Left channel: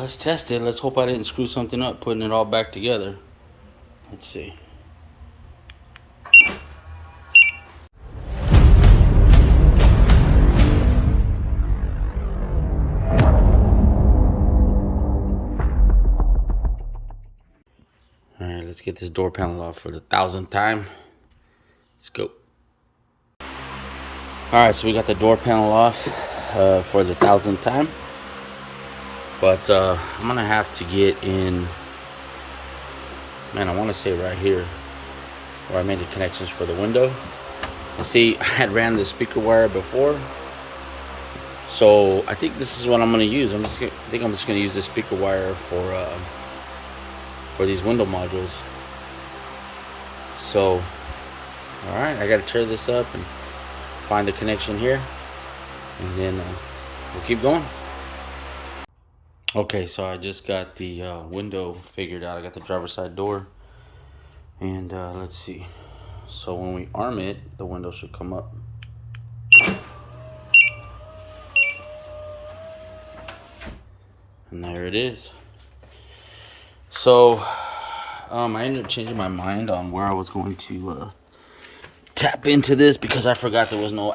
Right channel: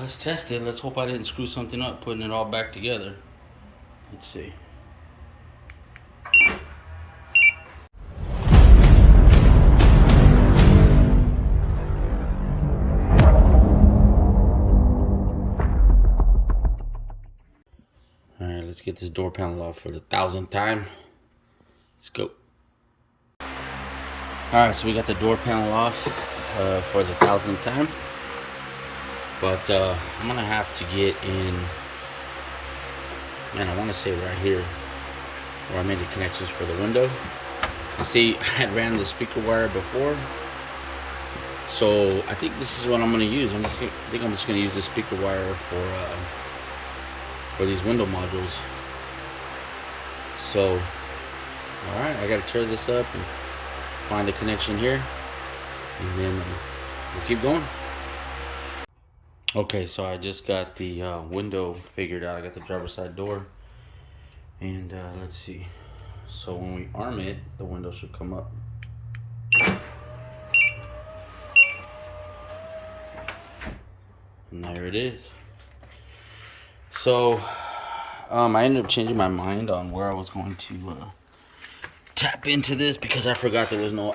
let's test it. Let's hope I didn't screw something up putting it all back together. Let's see. Alright, let's get this door panel off for the 1000th time. Let's go. Alright, so we got the door panel off for the 1000th time. But I'm gonna have to get in, man, I want to say right here where I made the connections for the window. And see, I had ran the speaker wire before, so I think this is what I'm gonna use. I think I'm just gonna use the speaker wire for these window modules. So, all right, I gotta tear this up and find the connection here, and then we'll keep going. Okay, so I just got the window figured out. I got the driver's side door, and let's see. So when we arm it, the window should come up. And there it is. So I ended up changing my mind on where I was going to tap into this, because I forgot there was no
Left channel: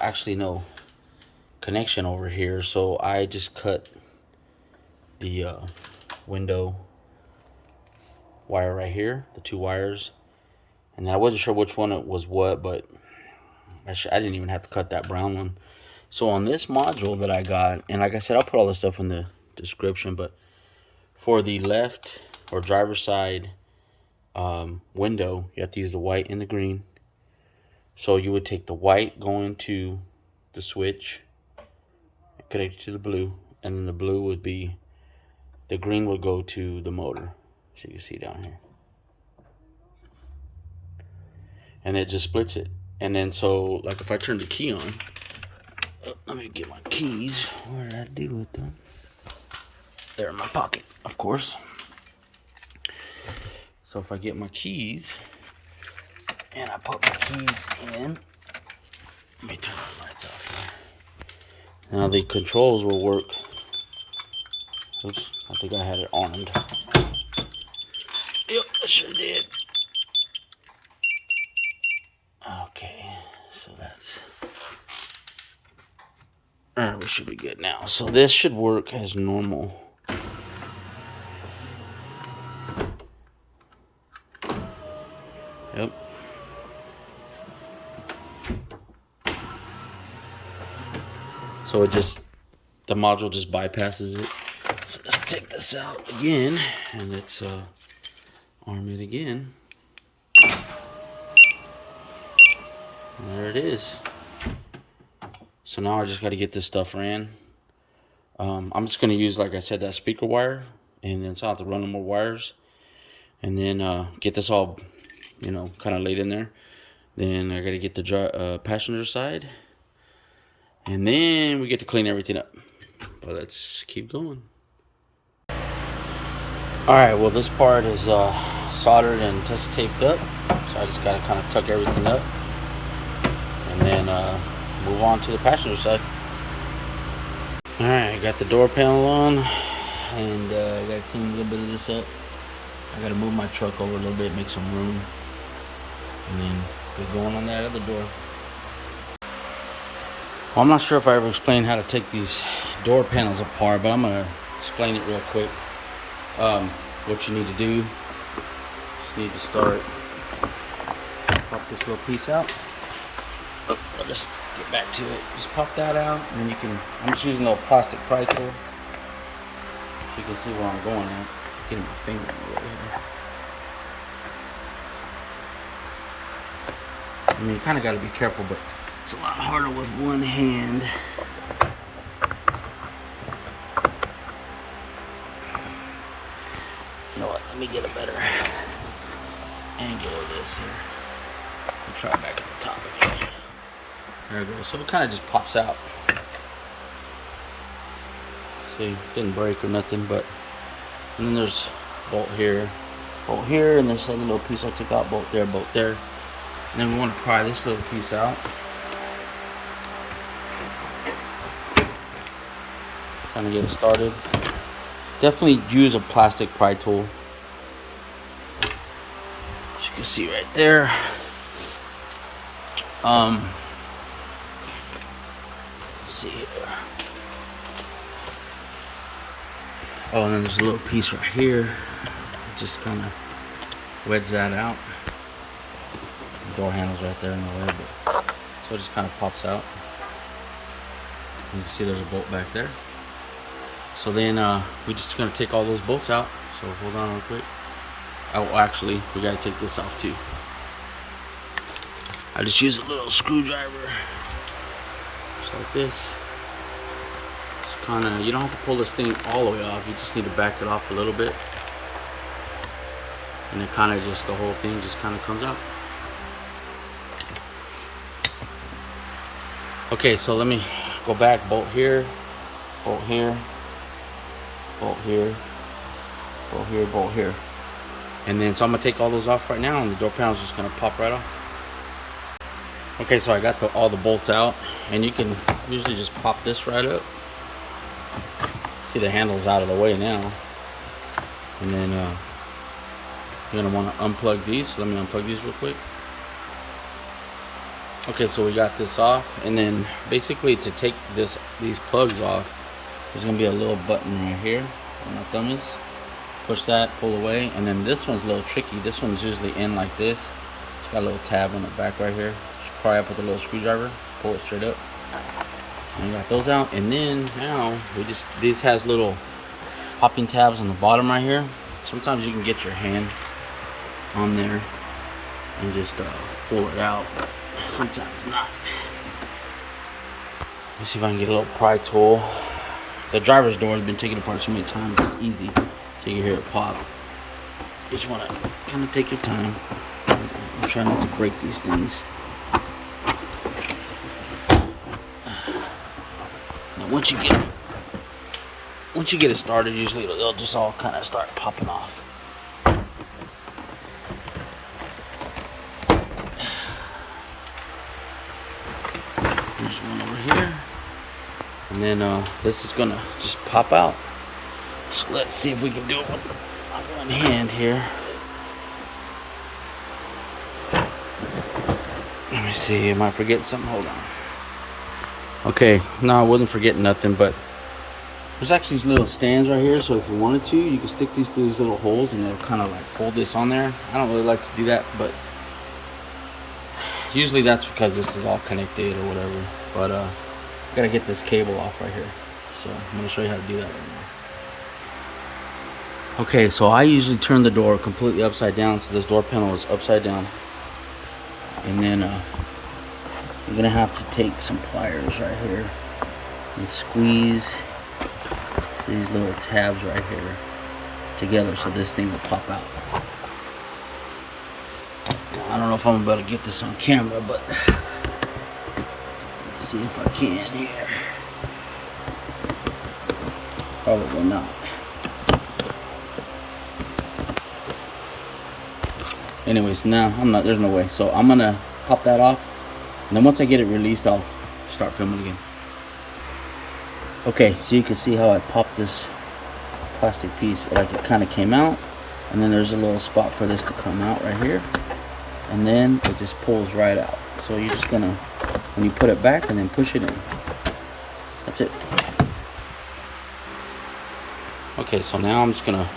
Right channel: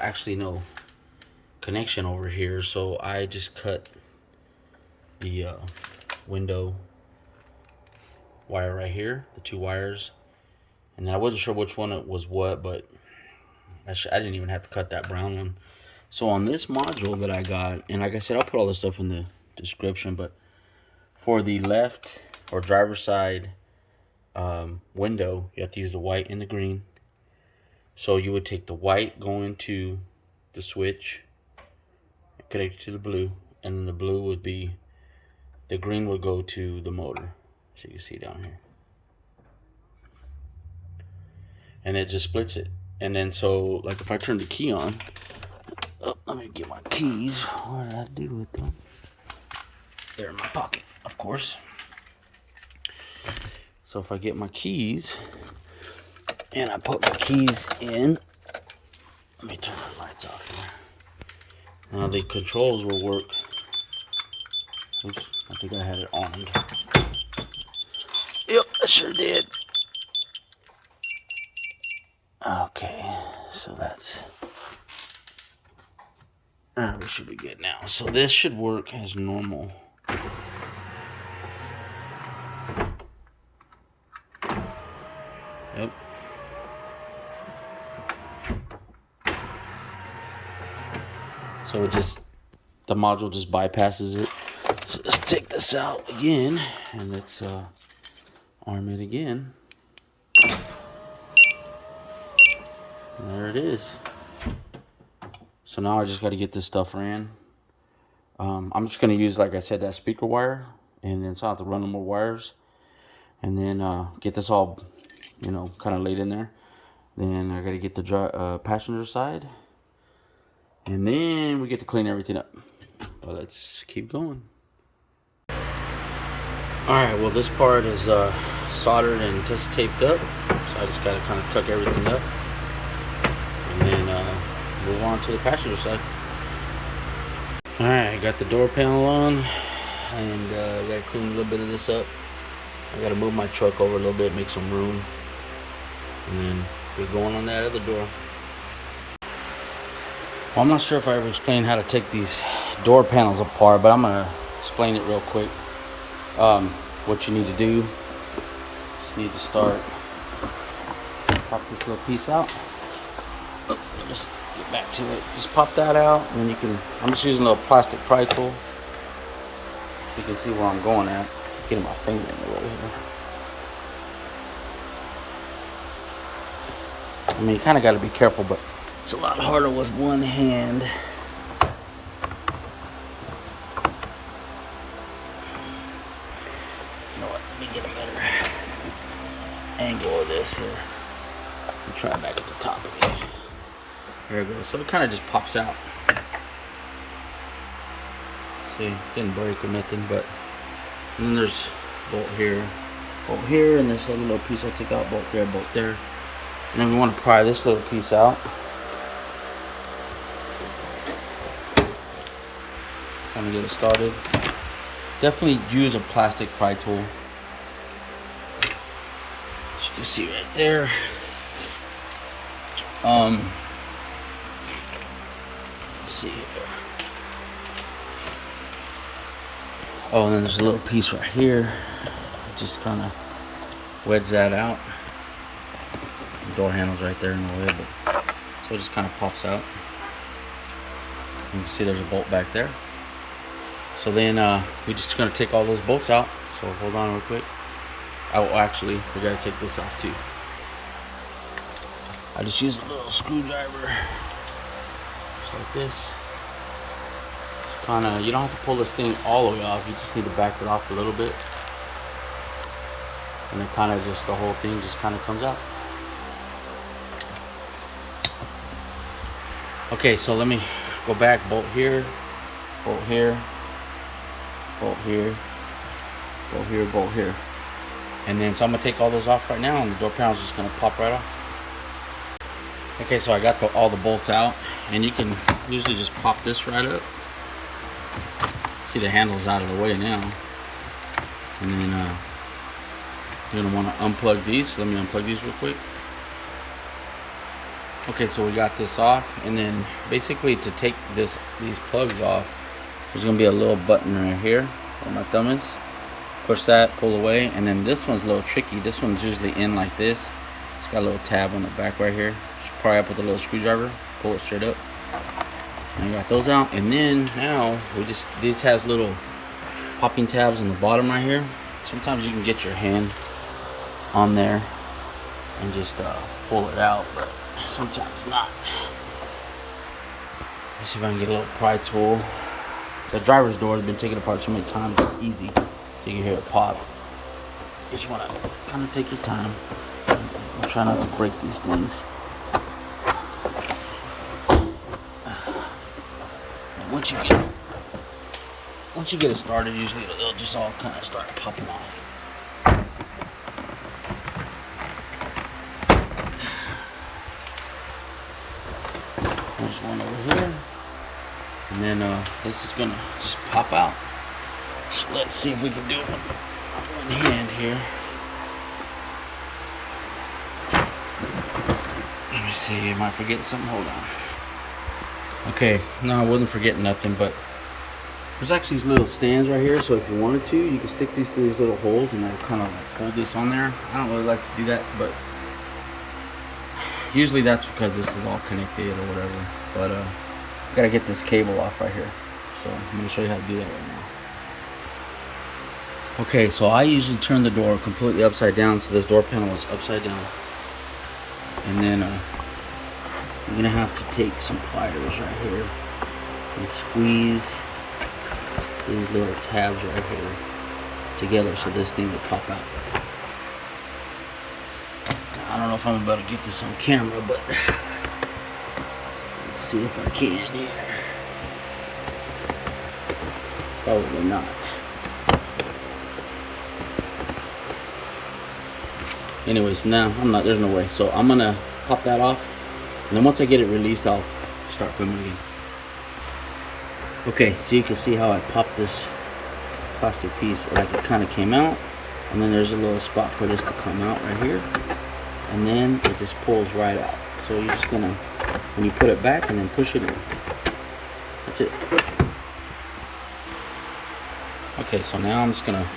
connection over here. So I just cut the window wire right here, the two wires, and I wasn't sure which one it was what, but I didn't even have to cut that brown one. So on this module that I got, and like I said, I'll put all this stuff in the description, but for the left or driver's side window, you have to use the white and the green. So you would take the white going to the switch, connect it to the blue, and then the blue would be, the green would go to the motor. So you can see down here. And it just splits it. And then so, like if I turn the key on, let me get my keys. What did I do with them? They're in my pocket, of course. So if I get my keys, and I put my keys in, let me turn the lights off here. Now the controls will work. Oops, I think I had it armed. Yep, I sure did. Okay, so that's... Alright, we should be good now. So this should work as normal. Yep. So it just, the module just bypasses it. So let's take this out again, and let's arm it again. And there it is. So now I just got to get this stuff ran. I'm just going to use, like I said, that speaker wire, and then so I have to run no more wires, and then get this all, kind of laid in there. Then I got to get the passenger side, and then we get to clean everything up. But let's keep going. Alright, well, this part is soldered and just taped up, so I just got to kind of tuck everything up, and then move on to the passenger side. Alright, I got the door panel on, and I got to clean a little bit of this up. I got to move my truck over a little bit, make some room, and then get going on that other door. Well, I'm not sure if I ever explained how to take these door panels apart, but I'm going to explain it real quick. What you need to do, just need to start, pop this little piece out. Oh, I'll just get back to it. Just pop that out, and then you can, I'm just using a little plastic pry tool, so you can see where I'm going at. Getting my finger in the way here. I mean, you kind of got to be careful, but it's a lot harder with one hand. You know what? Let me get a better angle of this here. I'll try back at the top again. There it goes. So it kind of just pops out. See, didn't break or nothing, but. And then there's bolt here, and this other little piece I took out, bolt there, bolt there. And then we want to pry this little piece out. Kind of get it started. Definitely use a plastic pry tool. As you can see right there. Let's see here. Oh, and then there's a little piece right here. Just kind of wedge that out. The door handle's right there in the way, but so it just kind of pops out. You can see there's a bolt back there. So then we're just gonna take all those bolts out. So hold on real quick. Oh, actually, we gotta take this off too. I just use a little screwdriver, just like this. It's kind of, you don't have to pull this thing all the way off. You just need to back it off a little bit, and it kind of just, the whole thing just kind of comes out. Okay, so let me go back. Bolt here, bolt here, bolt here, bolt here, bolt here. And then, so I'm gonna take all those off right now, and the door panel's just gonna pop right off. Okay, so I got all the bolts out, and you can usually just pop this right up. See, the handle's out of the way now. And then you're gonna wanna unplug these. So let me unplug these real quick. Okay, so we got this off, and then basically to take these plugs off, there's gonna be a little button right here where my thumb is. Push that, pull away, and then this one's a little tricky. This one's usually in like this. It's got a little tab on the back right here. Just pry up with a little screwdriver, pull it straight up. And I got those out, and then now this has little popping tabs on the bottom right here. Sometimes you can get your hand on there and just pull it out, but sometimes not. Let's see if I can get a little pry tool. The driver's door has been taken apart so many times, it's easy. So you can hear it pop. You just want to kind of take your time and try not to break these things. Now once you get it started, usually it'll just all kind of start popping off. There's one over here, and then this is gonna just pop out. So let's see if we can do it on one hand here. Let me see, am I forgetting something? Hold on. Okay, no, I wasn't forgetting nothing, but there's actually these little stands right here, so if you wanted to, you can stick these through these little holes and they'll kind of like hold this on there. I don't really like to do that, but usually that's because this is all connected or whatever. But I gotta get this cable off right here, so I'm gonna show you how to do that right now. Okay, so I usually turn the door completely upside down, so this door panel is upside down. And then you're gonna have to take some pliers right here and squeeze these little tabs right here together so this thing will pop out. I don't know if I'm about to get this on camera, but let's see if I can here. Probably not. Anyways, no, there's no way. So I'm gonna pop that off, and then once I get it released, I'll start filming again. Okay, so you can see how I popped this plastic piece, like it kind of came out, and then there's a little spot for this to come out right here, and then it just pulls right out. So you're just gonna, when you put it back and then push it in. That's it. Okay, so now I'm just gonna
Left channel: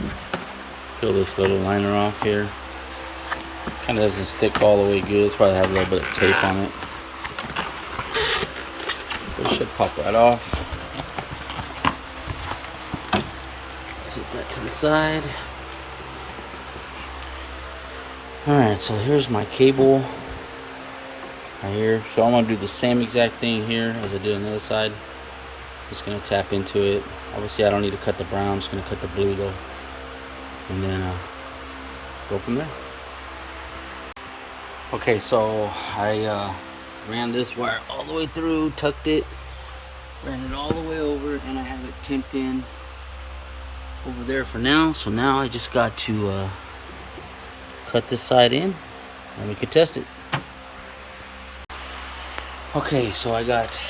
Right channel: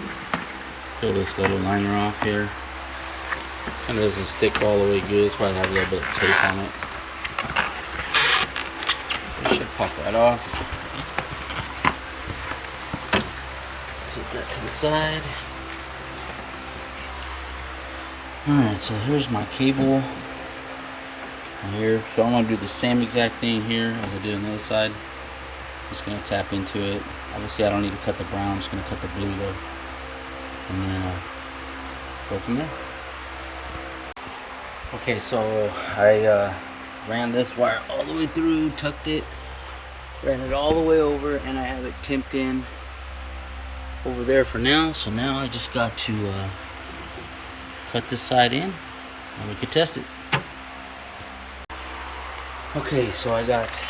peel this little liner off here. Kind of doesn't stick all the way good. It's probably have a little bit of tape on it. So it should pop right off. Set that to the side. Alright, so here's my cable right here. So I'm going to do the same exact thing here as I did on the other side. Just going to tap into it. Obviously I don't need to cut the brown, I'm just going to cut the blue though. And then go from there. Okay, so I ran this wire all the way through, tucked it, ran it all the way over, and I have it tipped in over there for now. So now I just got to cut this side in and we could test it. Okay, so I got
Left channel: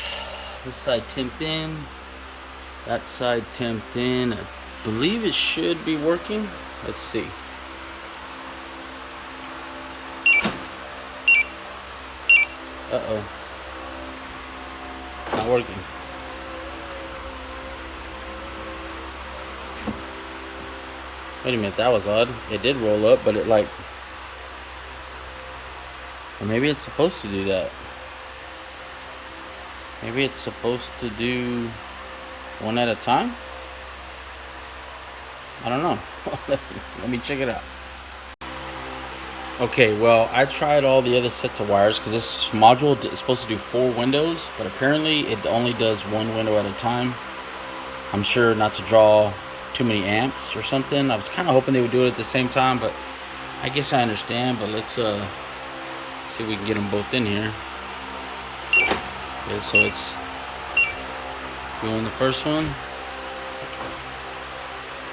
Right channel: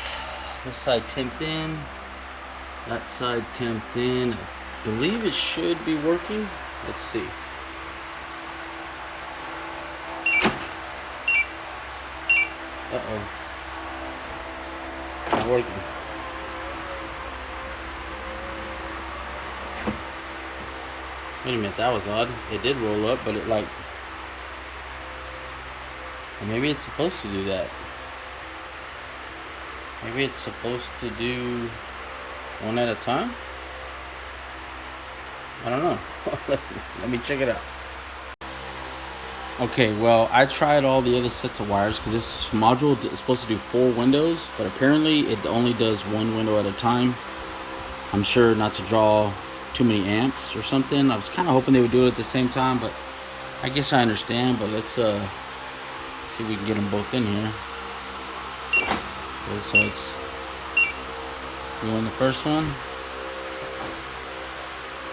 this side tipped in, that side tipped in. I believe it should be working. Let's see. Uh-oh. Not working. Wait a minute, that was odd. It did roll up, but it like... Or maybe it's supposed to do that. Maybe it's supposed to do one at a time? I don't know. Let me check it out. Okay, well, I tried all the other sets of wires because this module is supposed to do 4 windows, but apparently it only does 1 window at a time. I'm sure not to draw too many amps or something. I was kind of hoping they would do it at the same time, but I guess I understand. But let's see if we can get them both in here. Okay, so it's doing the first one,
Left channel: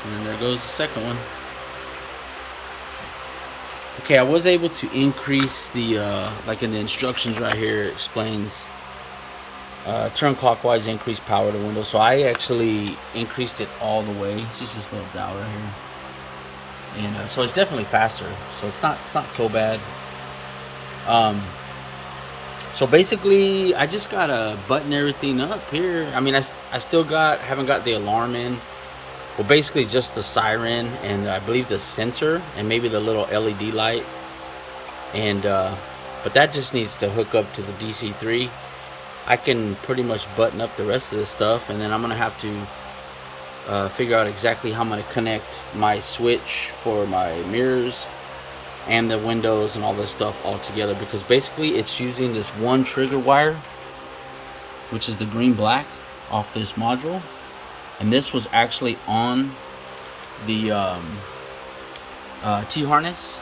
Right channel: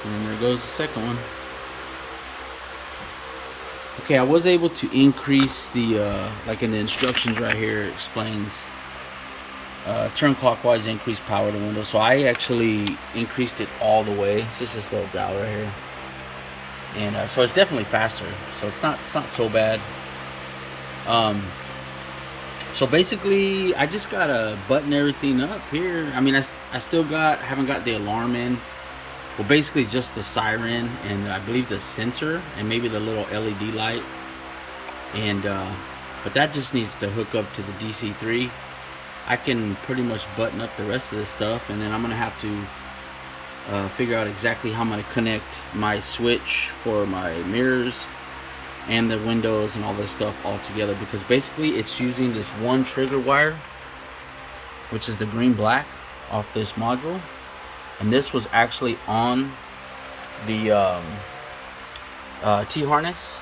and then there goes the second one. Okay, I was able to increase the like in the instructions right here, it explains turn clockwise, increase power to window. So I actually increased it all the way. It's just this little dial right here, and so it's definitely faster. So it's not so bad. So basically, I just gotta button everything up here. I mean, I still haven't got the alarm in. Well, basically just the siren and I believe the sensor and maybe the little LED light. And but that just needs to hook up to the DC3. I can pretty much button up the rest of this stuff, and then I'm gonna have to figure out exactly how I'm gonna connect my switch for my mirrors and the windows and all this stuff all together, because basically it's using this one trigger wire, which is the green black off this module, and this was actually on the T-harness.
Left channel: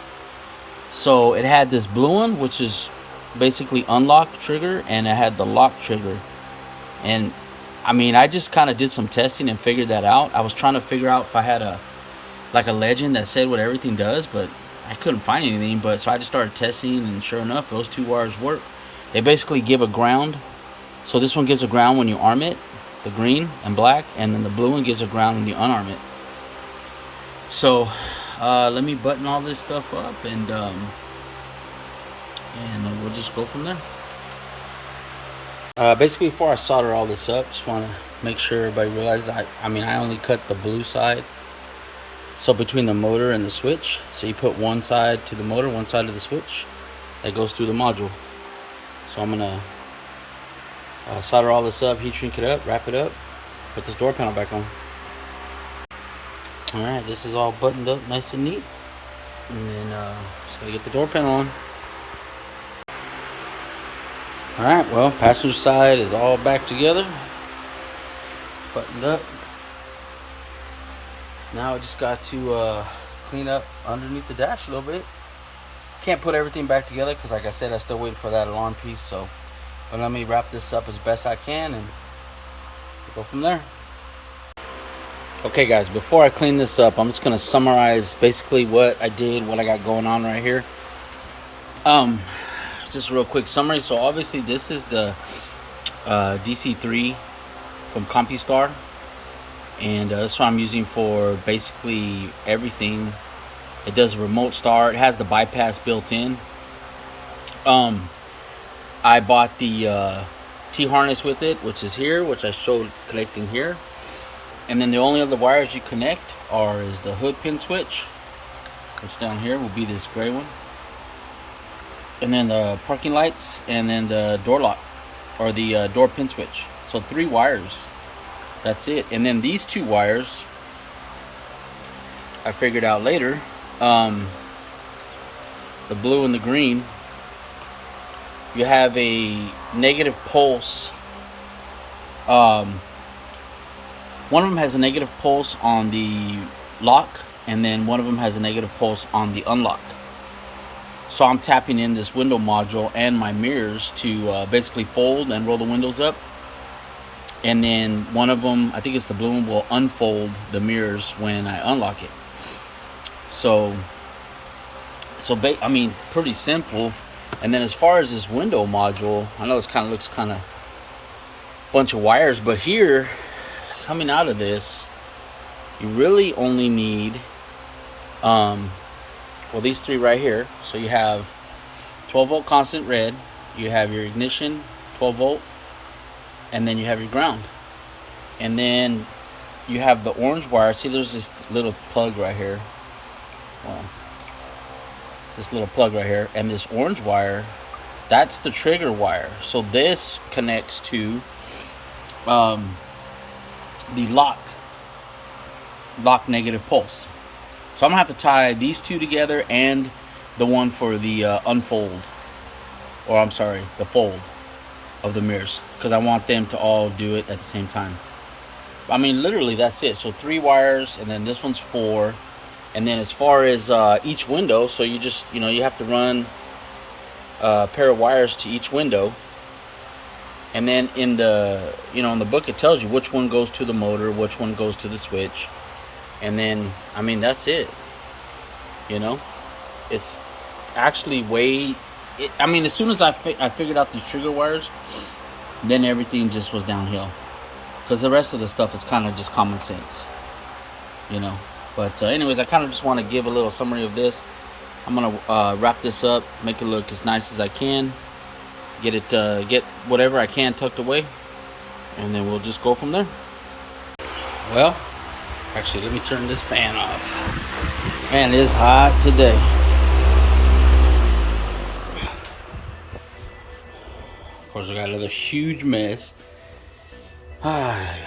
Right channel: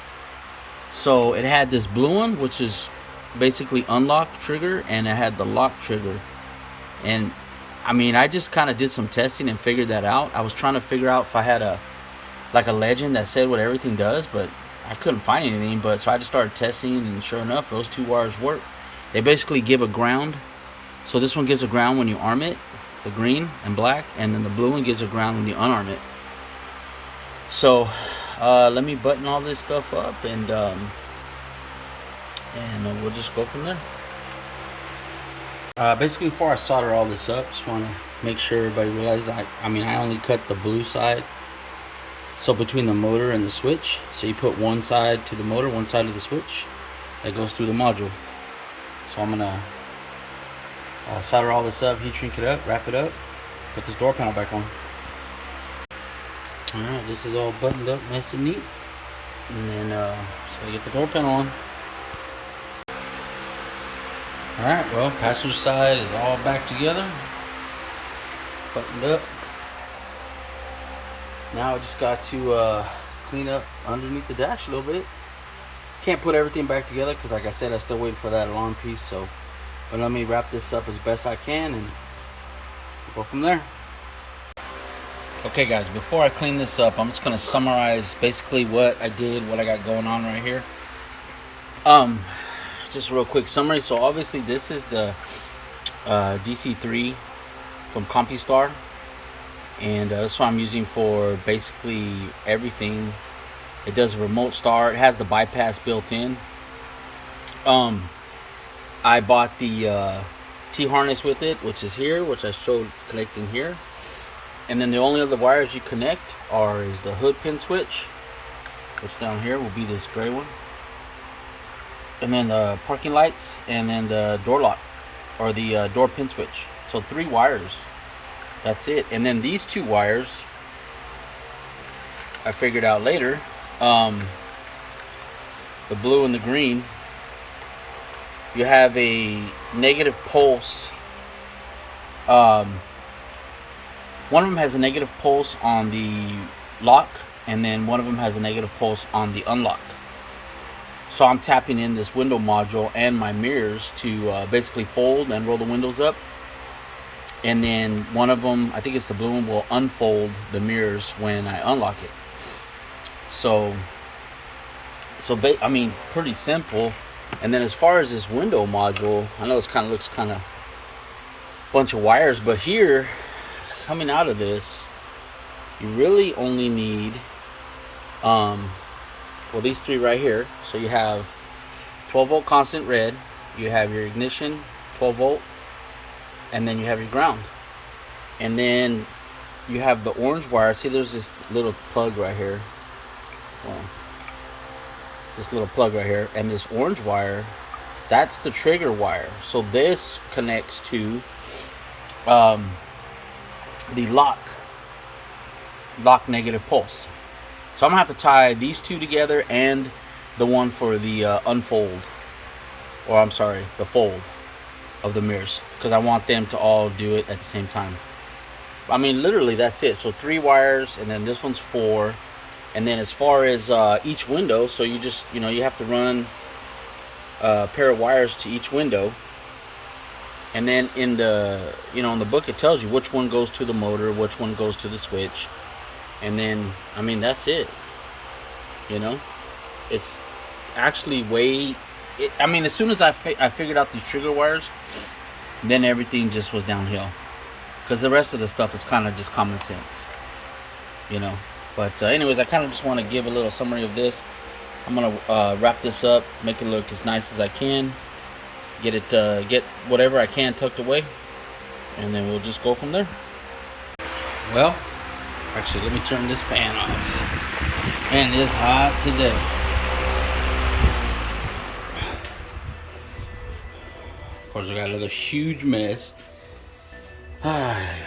So it had this blue one, which is basically unlock trigger, and it had the lock trigger. And I mean, I just kind of did some testing and figured that out. I was trying to figure out if I had a legend that said what everything does, but I couldn't find anything. But so I just started testing, and sure enough, those 2 wires work. They basically give a ground. So this one gives a ground when you arm it, the green and black, and then the blue one gives a ground when you unarm it. So let me button all this stuff up, and we'll just go from there. Basically, before I solder all this up, just want to make sure everybody realizes I mean, I only cut the blue side, so between the motor and the switch. So you put one side to the motor, one side to the switch that goes through the module. So I'm gonna solder all this up, heat shrink it up, wrap it up, put this door panel back on. Alright, this is all buttoned up nice and neat, and then just gotta get the door panel on. Alright, well, passenger side is all back together, buttoned up. Now I just got to clean up underneath the dash a little bit. Can't put everything back together because, like I said, I'm still waiting for that alarm piece. So, but let me wrap this up as best I can, and we'll go from there. Okay, guys, before I clean this up, I'm just gonna summarize basically what I did, what I got going on right here. Just a real quick summary. So obviously this is the DC3 from compustar, and that's what I'm using for basically everything. It does a remote start. It has the bypass built in. I bought the T-harness with it, which is here, which I showed connecting here. And then the only other wires you connect is the hood pin switch, which down here will be this gray one, and then the parking lights, and then the door lock, or the door pin switch. So 3 wires, that's it. And then these 2 wires I figured out later, the blue and the green, you have a negative pulse. One of them has a negative pulse on the lock, and then one of them has a negative pulse on the unlock. So I'm tapping in this window module and my mirrors to basically fold and roll the windows up. And then one of them, I think it's the blue one, will unfold the mirrors when I unlock it. So I mean, pretty simple. And then as far as this window module, I know this kind of looks kind of bunch of wires, but here, coming out of this, You really only need, well, these three right here. So you have 12 volt constant red, you have your ignition 12 volt, and then you have your ground. And then you have the orange wire. See, there's this little plug right here. Well, this little plug right here, and this orange wire, that's the trigger wire. So this connects to the lock negative pulse. So I'm gonna have to tie these two together and the one for the unfold, or I'm sorry, the fold of the mirrors, because I want them to all do it at the same time. I mean, literally that's it. So 3 wires, and then this one's 4. And then as far as each window, so you just, you have to run a pair of wires to each window. And then in the, in the book, it tells you which one goes to the motor, which one goes to the switch. And then, I mean, that's it. It's actually as soon as I figured out these trigger wires, then everything just was downhill. Because the rest of the stuff is kind of just common sense, But anyways, I kind of just want to give a little summary of this. I'm gonna wrap this up, make it look as nice as I can, get whatever I can tucked away, and then we'll just go from there. Well, actually, let me turn this fan off. Man, it is hot today. Of course, I got another huge mess. I'm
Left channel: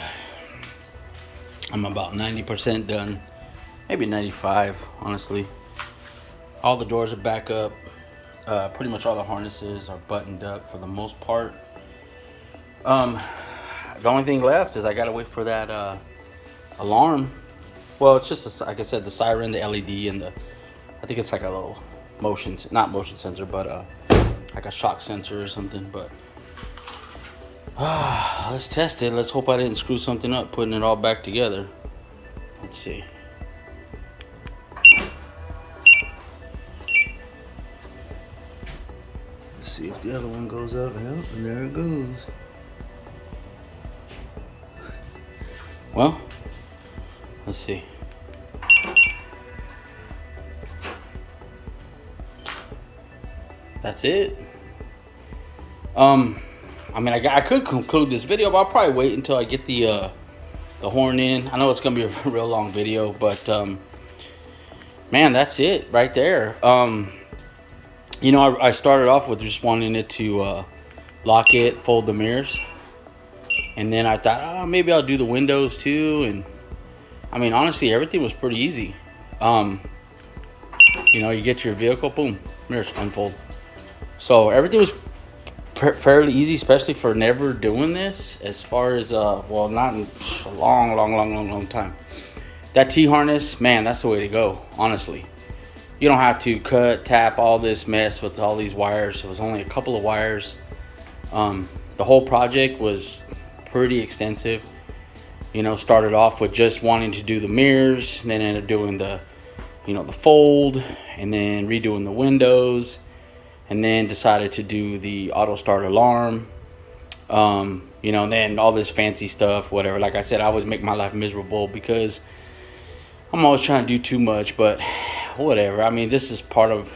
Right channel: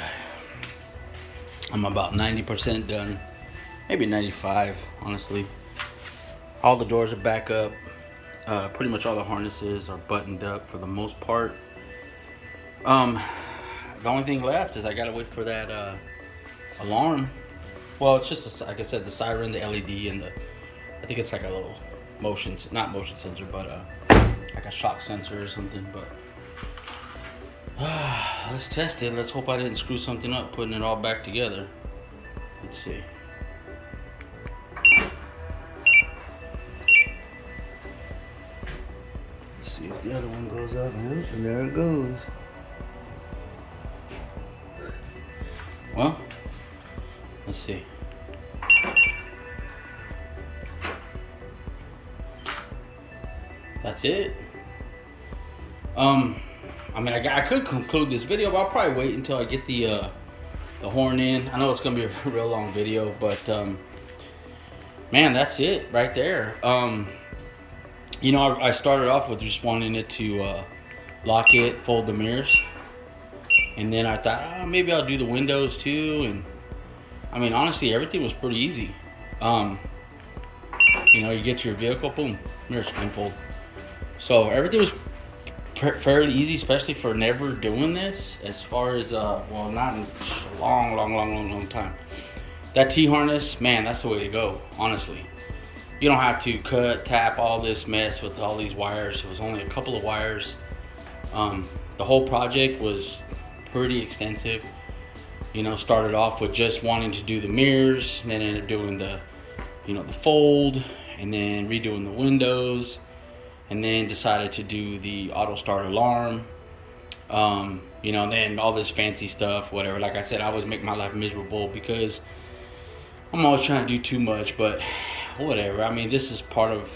about 90% done. Maybe 95, honestly. All the doors are back up. Pretty much all the harnesses are buttoned up for the most part. The only thing left is I gotta wait for that alarm. Well, it's just like I said, the siren, the LED, and I think it's like a little not motion sensor, but like a shock sensor or something. But let's test it. Let's hope I didn't screw something up putting it all back together. Let's see. Let's see if the other one goes up. And there it goes. Well, let's see. That's it. I mean, I could conclude this video, but I'll probably wait until I get the horn in. I know it's gonna be a real long video, but man, that's it right there. I started off with just wanting it to lock it, fold the mirrors, and then I thought, maybe I'll do the windows too. And I mean, honestly, everything was pretty easy. You get to your vehicle, boom, mirrors unfold. So everything was fairly easy, especially for never doing this. As far as not in a long time. That T-harness, man, that's the way to go. Honestly, you don't have to tap all this mess with all these wires. It was only a couple of wires. The whole project was pretty extensive. Started off with just wanting to do the mirrors, and then ended up doing the fold, and then redoing the windows, and then decided to do the auto start alarm. And then all this fancy stuff, whatever. Like I said, I always make my life miserable because I'm always trying to do too much, but whatever. I mean, this is part of,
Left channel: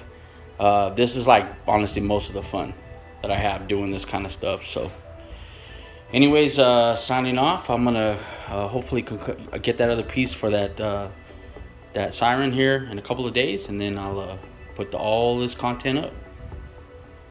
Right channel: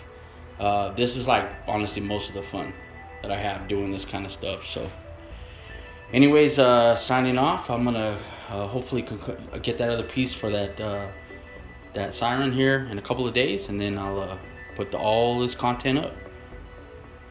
this is like, honestly, most of the fun that I have doing this kind of stuff. So anyways, signing off. I'm gonna hopefully get that other piece for that siren here in a couple of days, and then I'll put all this content up.